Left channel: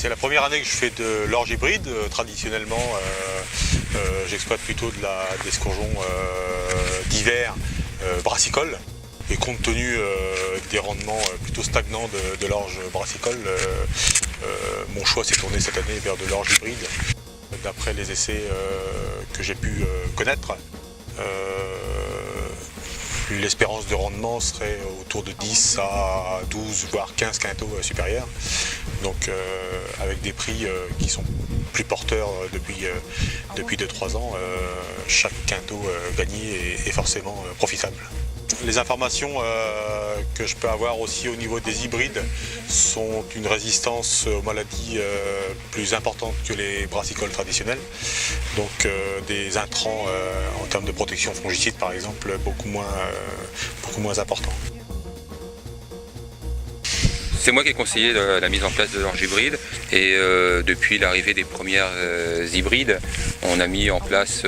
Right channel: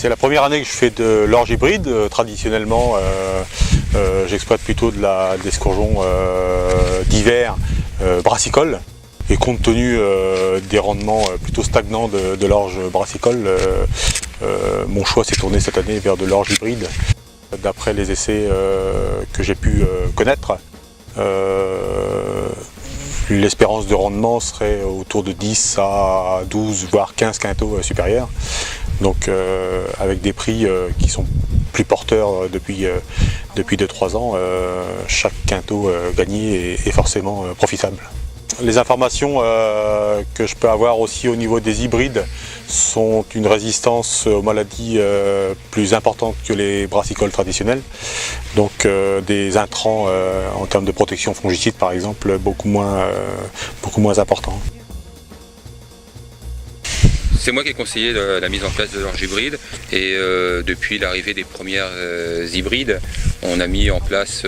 C'est la première année que je fais de l'orge hybride. Traditionnellement, j'exploite plutôt des escourgeons d'hiver brassicole. Et compte tenu des rendements plutôt stagnants de l'orge brassicole, mon choix s'est tourné cette année vers de l'orge hybride. D'après les essais que j'ai pu connaître, l'espérance de rendement serait autour de 10 à 12 voire 15 quintaux supérieurs. Donc avec des prix qui sont plus porteurs depuis 2-3 ans, chaque quintot gagné est forcément profitable. Les informations que je peux avoir aussi au niveau des hybrides sont une résistance aux maladies plus importante que les brassicoles traditionnels. Donc des intrants en termes de protection fongicide par exemple beaucoup moins importants. C'est moi qui ai conseillé la mise en place de l'orge hybride et depuis l'arrivée des premières hybrides, on a mis en place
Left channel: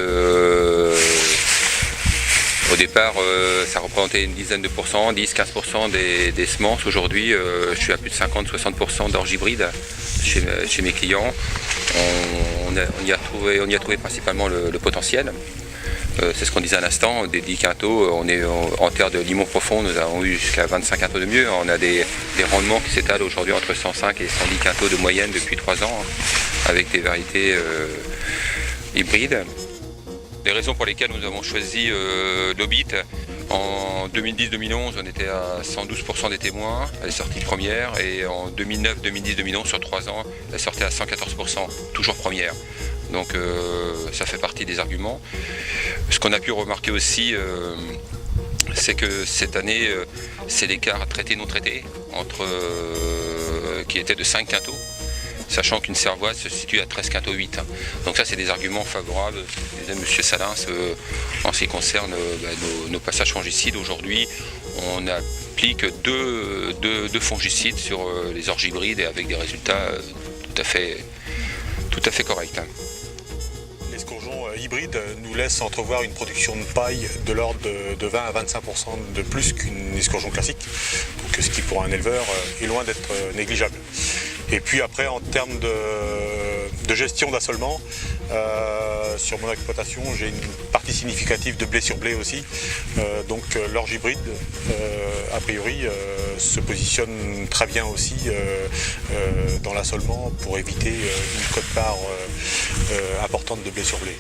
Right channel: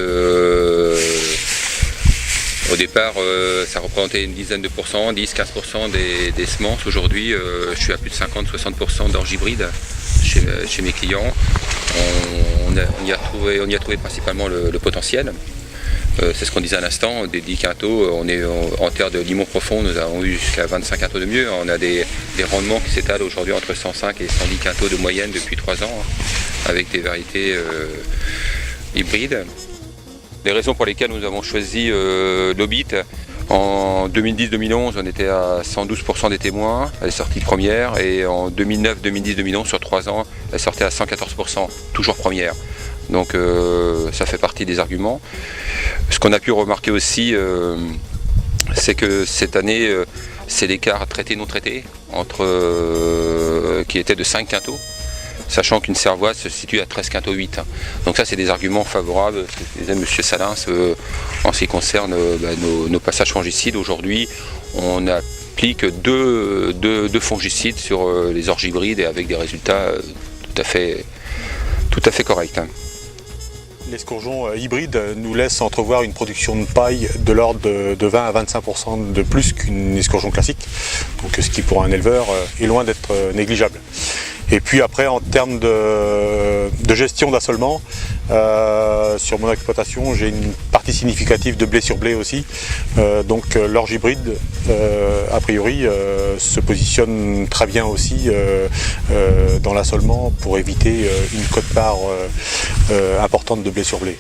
au départ ça représentait une dizaine de pourcents, 10-15% des semences. Aujourd'hui je suis à plus de 50-60% d'orge hybride chez mes clients. On y a trouvé principalement le potentiel. C'est ce qu'on disait à l'instant, des 10 quintaux, on est en terre de limon profond, nous avons eu jusqu'à 25 quintaux de mieux. On a des rendements qui s'étalent aujourd'hui entre 105 et 110 quintaux de moyenne depuis 3 ans, avec des variétés hybrides. Les raisons pour lesquelles nous avons choisi l'Obit, en 2010-2011, on était à 112% des témoins, elle est sortie première, et en 2009, 2010, 2011, sur 3 ans, elle sortait à 114%, toujours première. Donc ça fait partie des arguments. Ce qu'on a pu remarquer aussi, c'est que cette année, c'est l'écart traité-non traité, qui était de 5 quintaux, sachant qu'une cervoise se situe à 13 quintaux 8. Donc ça, c'est des arguments favorables, disait M. Salins, en ce qui concerne nos passages fongicides. Aujourd'hui, on applique deux fongicides sur les orges hybrides et avec des résultats tout à fait corrects. L'escourgeon hybride nous laisse entrevoir une production de paille de l'ordre de 20 à 25% de plus qu'une escourgeon classique, donc ce qui pour un éleveur est loin d'être négligeable. Et puis après, en termes de gestion d'assolement, sur mon exploitation, j'ai une partie significative de blé sur blé aussi. Donc l'orge hybride, a priori, se positionne très bien aussi dans l'assolement pour éviter une quote-part importante de blé sur blé.